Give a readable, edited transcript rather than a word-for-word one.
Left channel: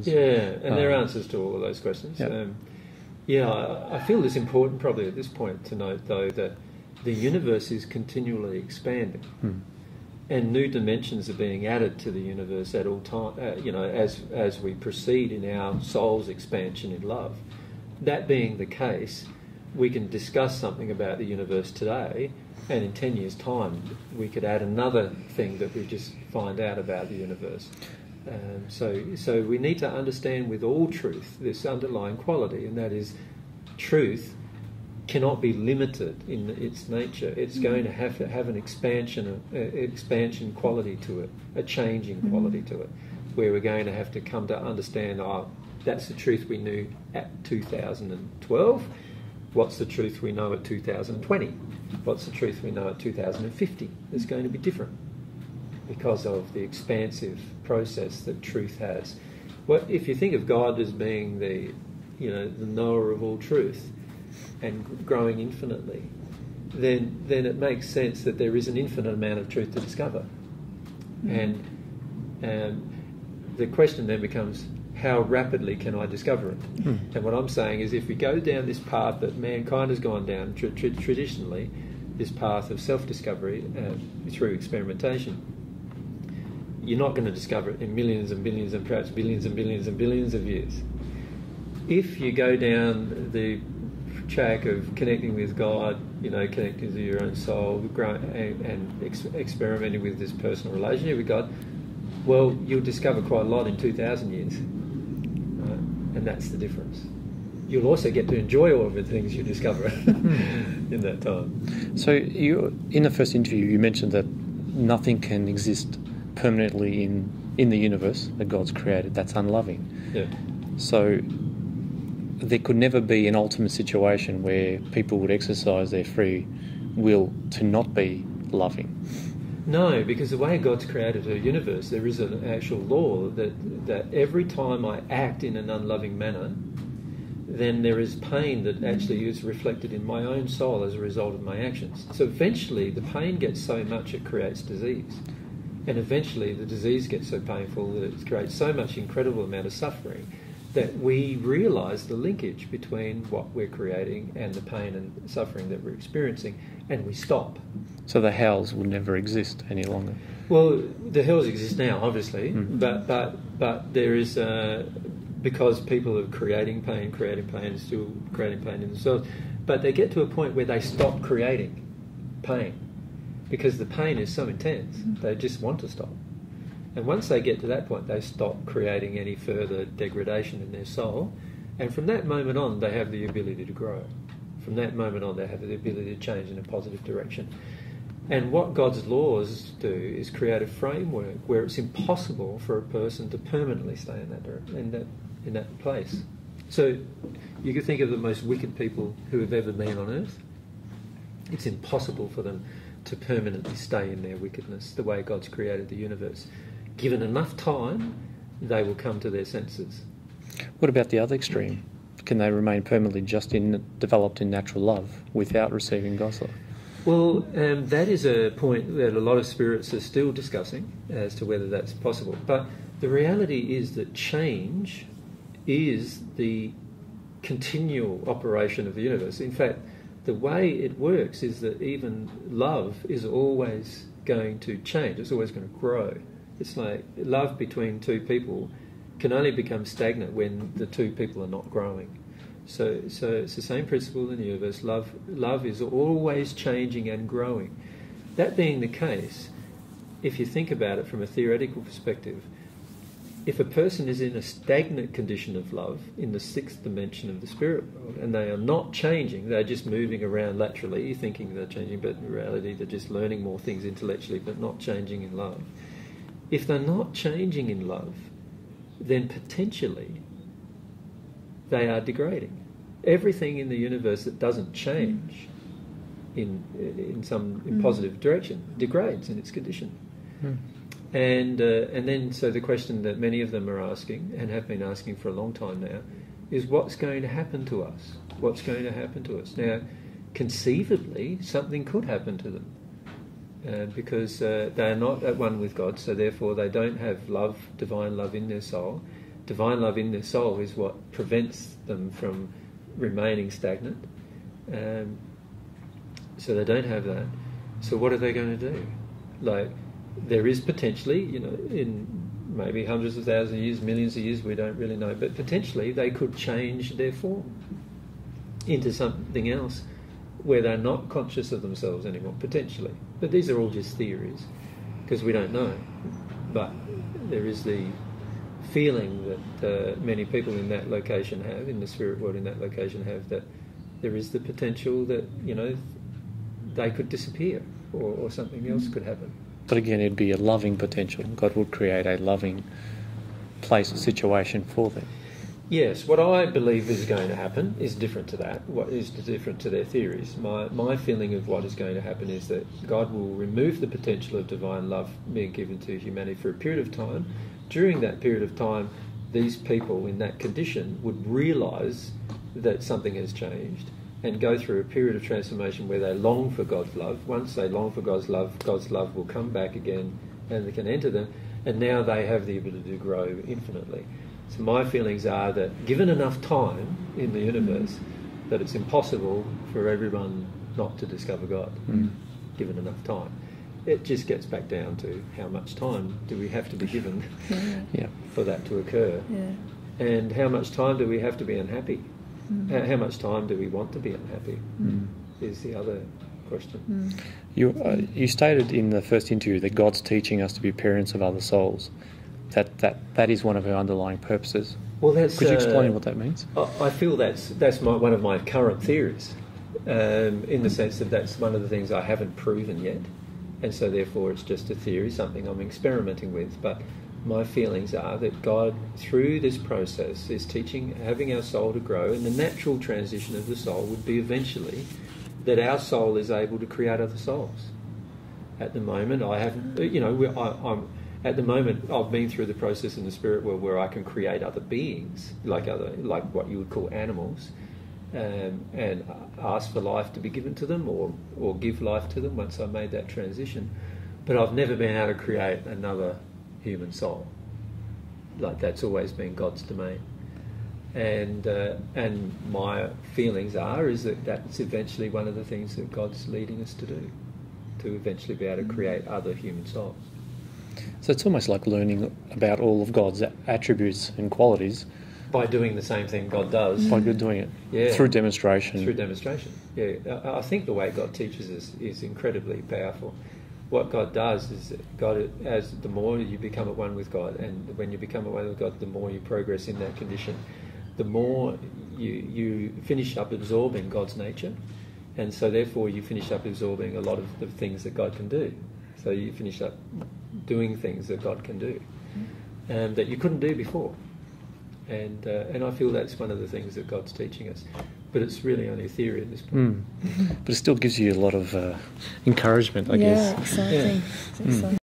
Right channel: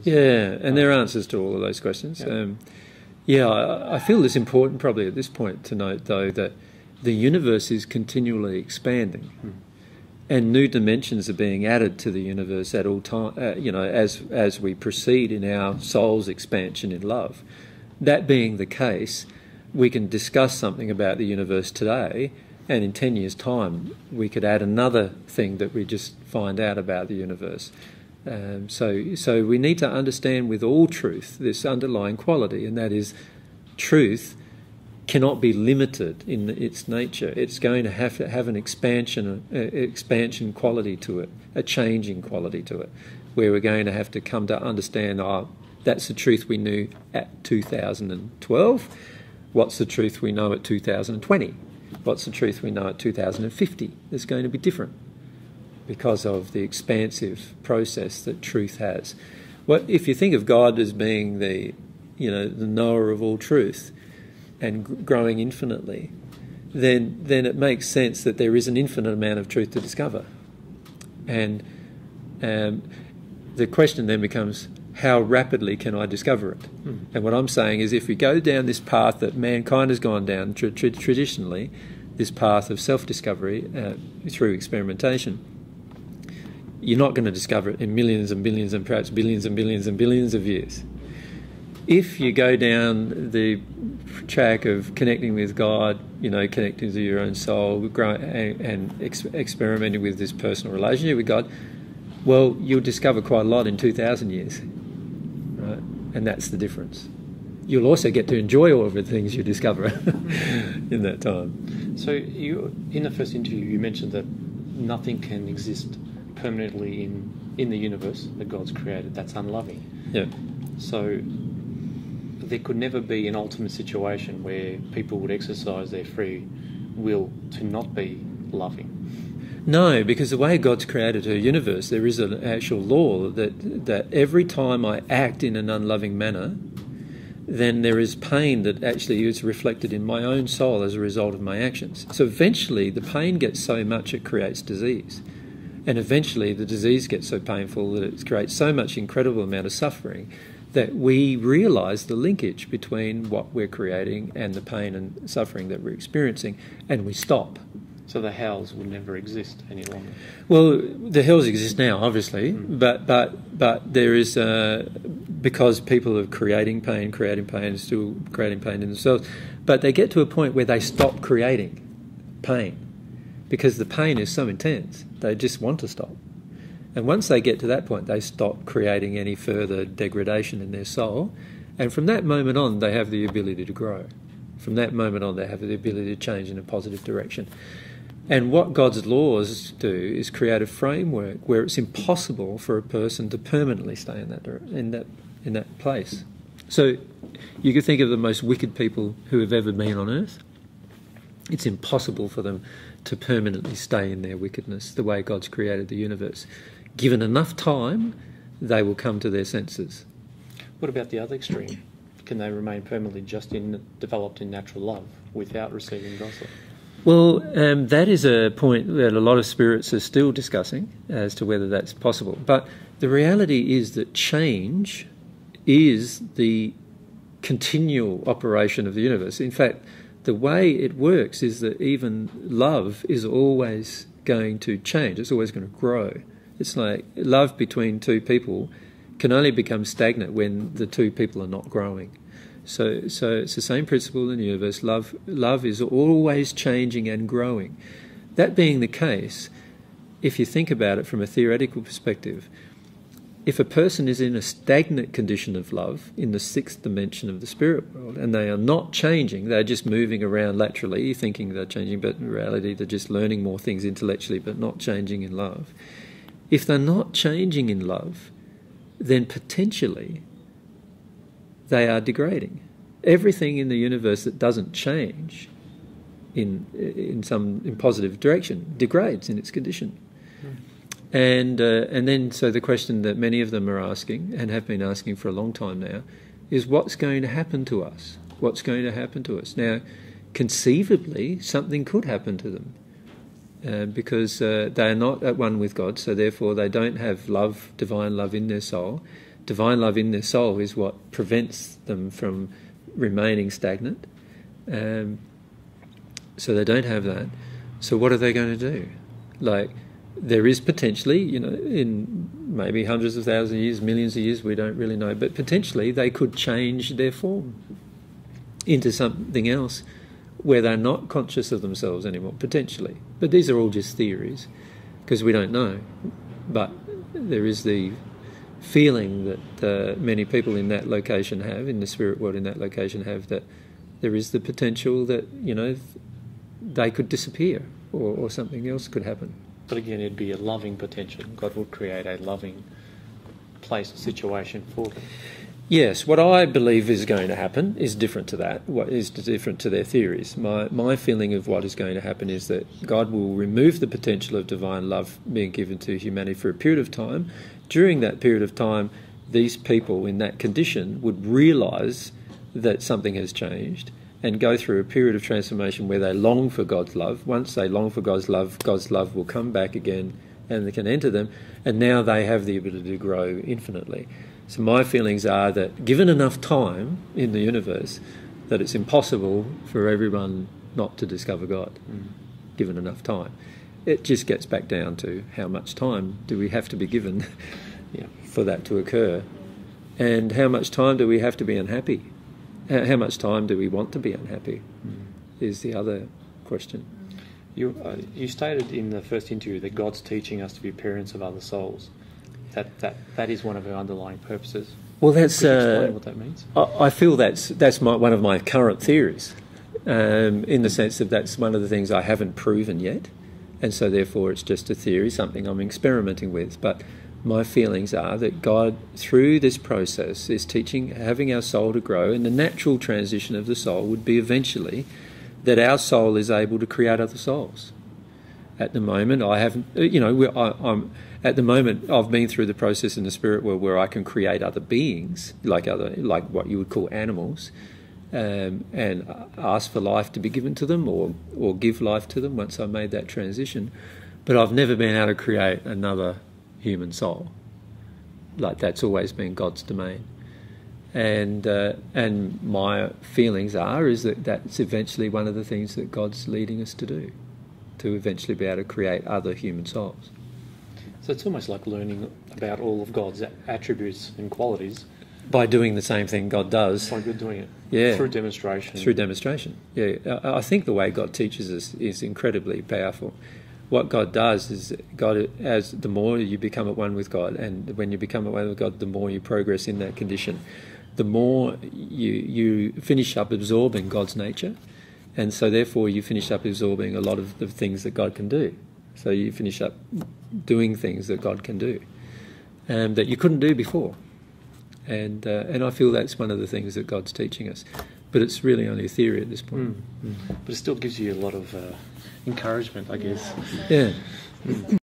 questions. Yeah, and there are answers to all of those questions. Yep. I feel it's important probably at this point to note, though, that the universe is continually expanding. And new dimensions are being added to the universe at all time. As we proceed in our soul's expansion in love. That being the case, we can discuss something about the universe today, and in 10 years' time, we could add another thing that we just find out about the universe. So we need to understand with all truth this underlying quality, and that is truth cannot be limited in its nature. It's going to have an expansion quality to it, a changing quality to it, where we're going to have to come to understand, that's the truth we knew at 2012. What's the truth we know at 2020? What's the truth we know at 2050? It's going to be different because of the expansive process that truth has. If you think of God as being the knower of all truth, and growing infinitely, then it makes sense that there is an infinite amount of truth to discover. And the question then becomes, how rapidly can I discover it? And what I'm saying is, if we go down this path that mankind has gone down traditionally, this path of self-discovery through experimentation, you're not going to discover it in millions and billions and perhaps billions and billions and billions of years. If you go down the track of connecting with God, connecting to your own soul, and experimenting with this personal relationship with God, well, you'll discover quite a lot in 2,000 years. Right? And that's the difference. You'll also get to enjoy all of the things you discover in that time. So in the first interview, you mentioned that nothing can exist permanently in the universe that God's created that's unloving. Yeah. So there could never be an ultimate situation where people would exercise their free will to not be loving. No, because the way God's created her universe, there is an actual law that every time I act in an unloving manner, then there is pain that actually is reflected in my own soul as a result of my actions. So eventually the pain gets so much it creates disease. And eventually the disease gets so painful that it creates so much incredible amount of suffering that we realise the linkage between what we're creating and the pain and suffering that we're experiencing, and we stop. So the hells will never exist any longer? Well, the hells exist now, obviously, but there is, because people are creating pain, still creating pain in themselves, but they get to a point where they stop creating pain because the pain is so intense, they just want to stop. And once they get to that point, they stop creating any further degradation in their soul. And from that moment on, they have the ability to grow. From that moment on, they have the ability to change in a positive direction. And what God's laws do is create a framework where it's impossible for a person to permanently stay in that place. So you could think of the most wicked people who have ever been on earth. It's impossible for them to permanently stay in their wickedness the way God's created the universe. Given enough time, they will come to their senses. What about the other extreme? Can they remain permanently developed in natural love without receiving God's love? Well, that is a point that a lot of spirits are still discussing as to whether that's possible. But the reality is that change is the continual operation of the universe. In fact, the way it works is that even love is always going to change. It's always going to grow. It's like love between two people can only become stagnant when the two people are not growing. So it's the same principle in the universe. Love is always changing and growing. That being the case, if you think about it from a theoretical perspective, if a person is in a stagnant condition of love in the sixth dimension of the spirit world and they are not changing, they're just moving around laterally thinking they're changing, but in reality they're just learning more things intellectually but not changing in love. If they're not changing in love, then potentially they are degrading. Everything in the universe that doesn't change in some positive direction degrades in its condition. And then so the question that many of them are asking and have been asking for a long time now is, what's going to happen to us? What's going to happen to us? Now, conceivably, something could happen to them because they are not at one with God, so therefore they don't have love, divine love in their soul. divine love in their soul is what prevents them from remaining stagnant. So they don't have that. So what are they going to do? Like, there is potentially, in maybe hundreds of thousands of years, millions of years, we don't really know, but potentially they could change their form into something else where they're not conscious of themselves anymore, potentially. But these are all just theories, because we don't know. But there is the feeling that many people in that location have, in the spirit world in that location have, that there is the potential that, they could disappear or something else could happen. But again, it'd be a loving potential. God would create a loving place or situation for them. Yes, what I believe is going to happen is different to that. What is different to their theories. My feeling of what is going to happen is that God will remove the potential of divine love being given to humanity for a period of time. During that period of time, these people in that condition would realise that something has changed and go through a period of transformation where they long for God's love. Once they long for God's love will come back again and they can enter them, and now they have the ability to grow infinitely. So my feelings are that given enough time in the universe, that it's impossible for everyone not to discover God, given enough time. It just gets back down to how much time do we have to be given for that to occur, and how much time do we have to be unhappy. How much time do we want to be unhappy is the other question. You stated in the first interview that God's teaching us to be parents of other souls. That is one of our underlying purposes. Well, that's. Could you explain what that means? I feel that's one of my current theories, in the sense that that's one of the things I haven't proven yet, and so therefore it's just a theory, something I'm experimenting with. But my feelings are that God, through this process, is teaching, having our soul to grow, and the natural transition of the soul would be eventually that our soul is able to create other souls. At the moment, I haven't, at the moment, I've been through the process in the spirit world where I can create other beings, like what you would call animals, and ask for life to be given to them or give life to them once I made that transition. But I've never been able to create another human soul. Like, that's always been God's domain. And my feelings is that that's eventually one of the things that God's leading us to do, to eventually be able to create other human souls. So it's almost like learning about all of God's attributes and qualities. By doing the same thing God does. By good doing it. Yeah. Through demonstration. Through demonstration. Yeah. I think the way God teaches us is incredibly powerful. What God does is, as the more you become at one with God, and when you become at one with God, the more you progress in that condition, the more you finish up absorbing God's nature, and so therefore you finish up absorbing a lot of the things that God can do. So you finish up doing things that God can do, that you couldn't do before. And I feel that's one of the things that God's teaching us. But it's really only a theory at this point. But it still gives you a lot of encouragement, I guess. Exciting. Yeah.